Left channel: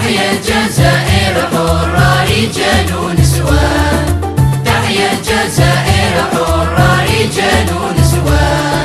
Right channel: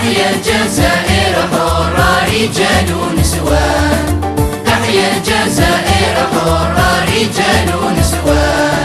تحيا الجزائر حرة رجال ونسوان، تحيا الجزائر حرة رجال ونسوان.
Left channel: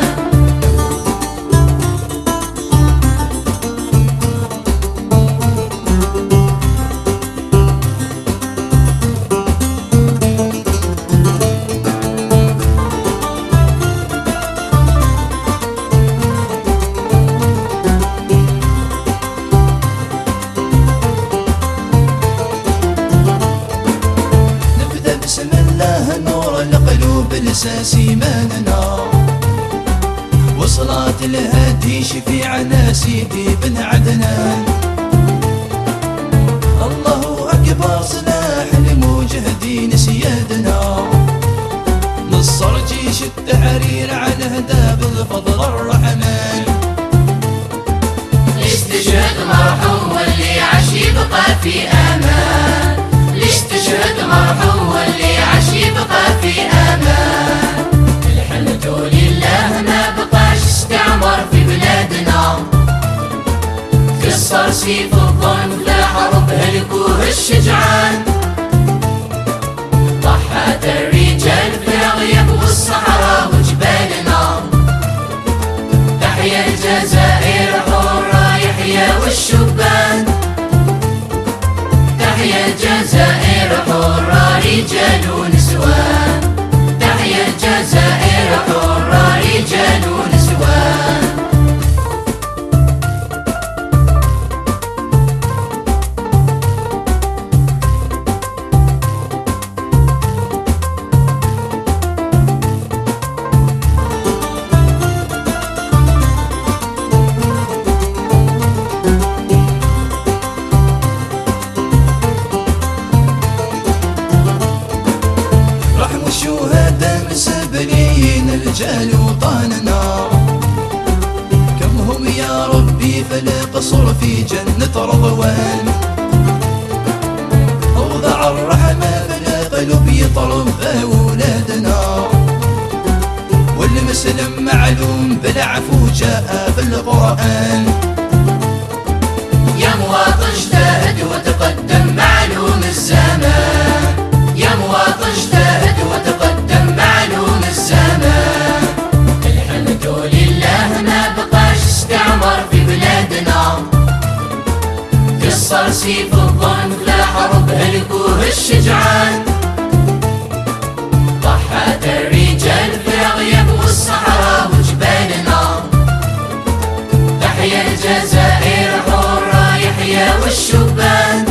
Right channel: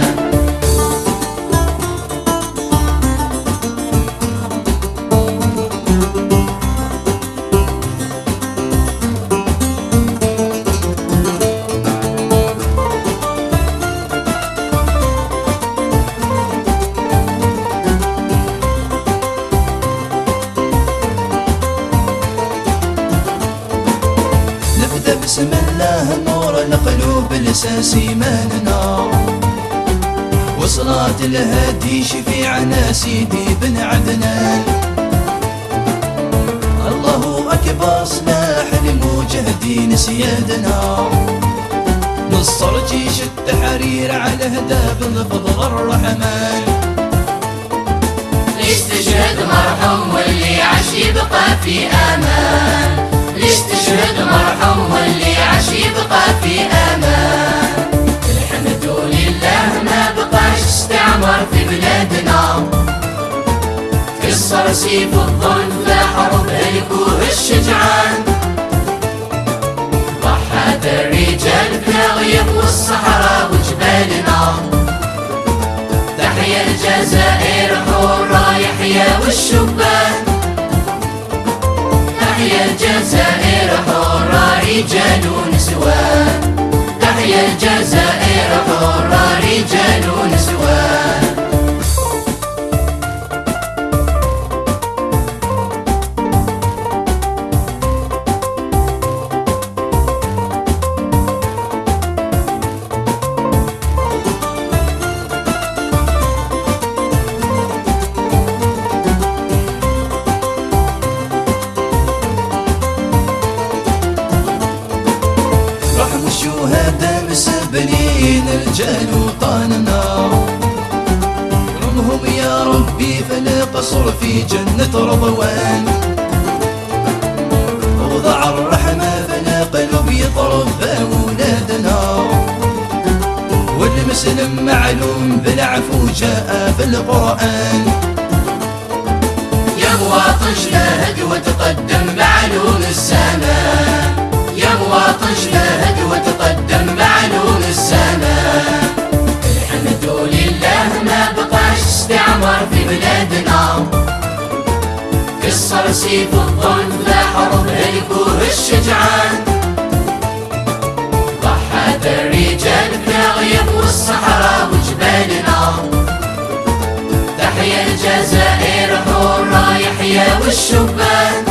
بسم الله نور القلوب الاساس ايماننا، وصلاة الهادي شفيعنا سيدي بن عدنان. الله اكبر سلاح المجاهدين سيادنا، نصر جيش التحرير على هداب الفضل الرحمن. ليش تشهد مرحوم واللي عاش يبقى في امان، ليش تشهد مرحوم واللي عاش يبقى في امان. الحمد لله ما بقاش استعمار في بلادنا، كسر سيف الظلم في حرب هلكوه الشجعان. ضحت الرجال في الغيب والصحراء وجبالنا، تحيا الجزائر حرة يحيا والشبان، تحيا الجزائر حرة رجال ونسوان، تحيا الجزائر حرة رجال ونسوان. مسبرين رجال وطننا، كم هم يا ربي فلا قصر في جنة رضوان. وضع الرحمة فلا قلب يطرب أولادنا، والمسلم معلوم بالعفو جاء بالقرآن. يا مواطن اجتهد وتقدم معلوم الزمان، يا مواطن اجتهد وتقدم معلوم الزمان. الحمد لله ما بقاش استعمار في بلادنا، كسر سيف الظلم في حرب هلكوه الشجعان. ضحت الرجال في الغيب والصحراء وجبالنا، تحيا الجزائر حرة يحيا والشبان،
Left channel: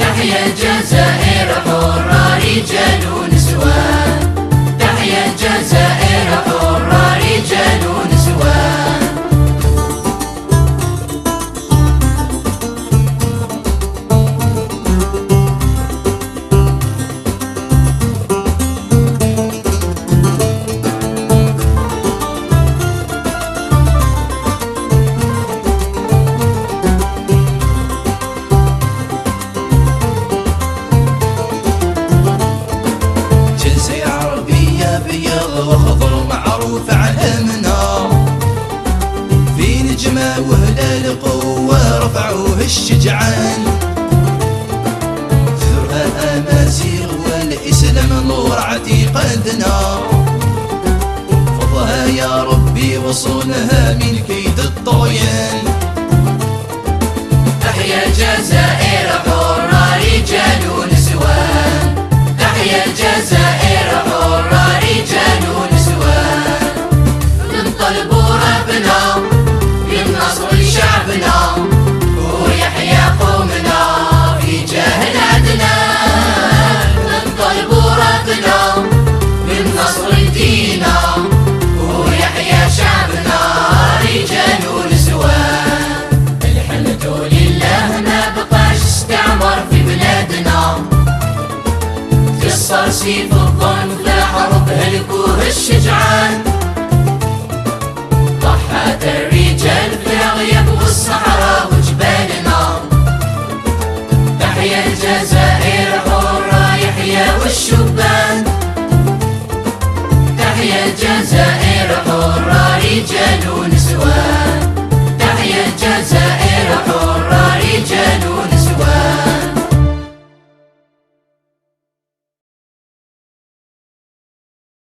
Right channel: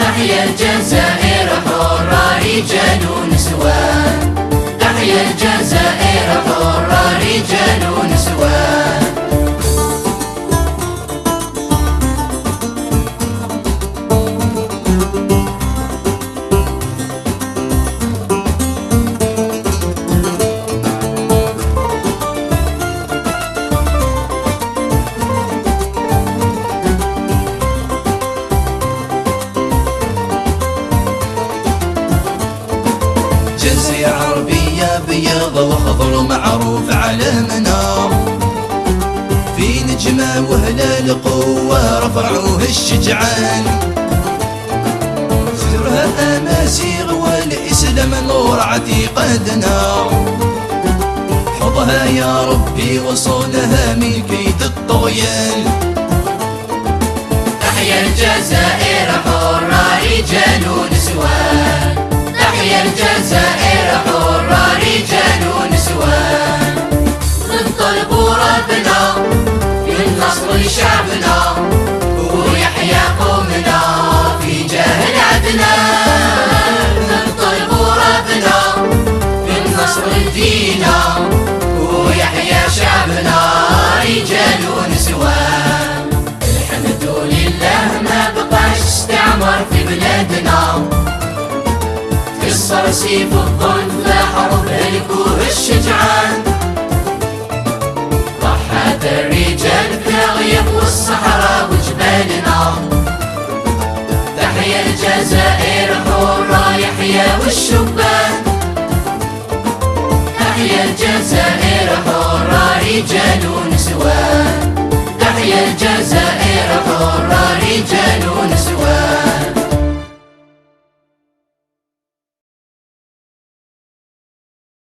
تحيا الجزائر حرة رجال ونسوان، تحيا الجزائر حرة رجال ونسوان. جزيرة عربية بيض وخضر معروف علامنا، في نجمة وهلال قوة رفعوه الشجعان. زرها أمازيغ والإسلام نور عتيقتنا، حفظها يا ربي وصونها من كيد الطغيان. تحيا الجزائر حرة رجال ونسوان، تحيا الجزائر حرة رجال ونسوان. ننطلب ربنا بالنصر لشعبنا، ويحيا قومنا في جاه العدنان. ننطلب ربنا بالنصر لدينا، ويحيا شعبنا رجال ونسوان. الحمد لله ما بقاش استعمار في بلادنا، كسر سيف الظلم في حرب هلكوه الشجعان. ضحت الرجال في الغيب والصحراء وجبالنا، تحيا الجزائر حرة يحيا والشبان، تحيا الجزائر حرة رجال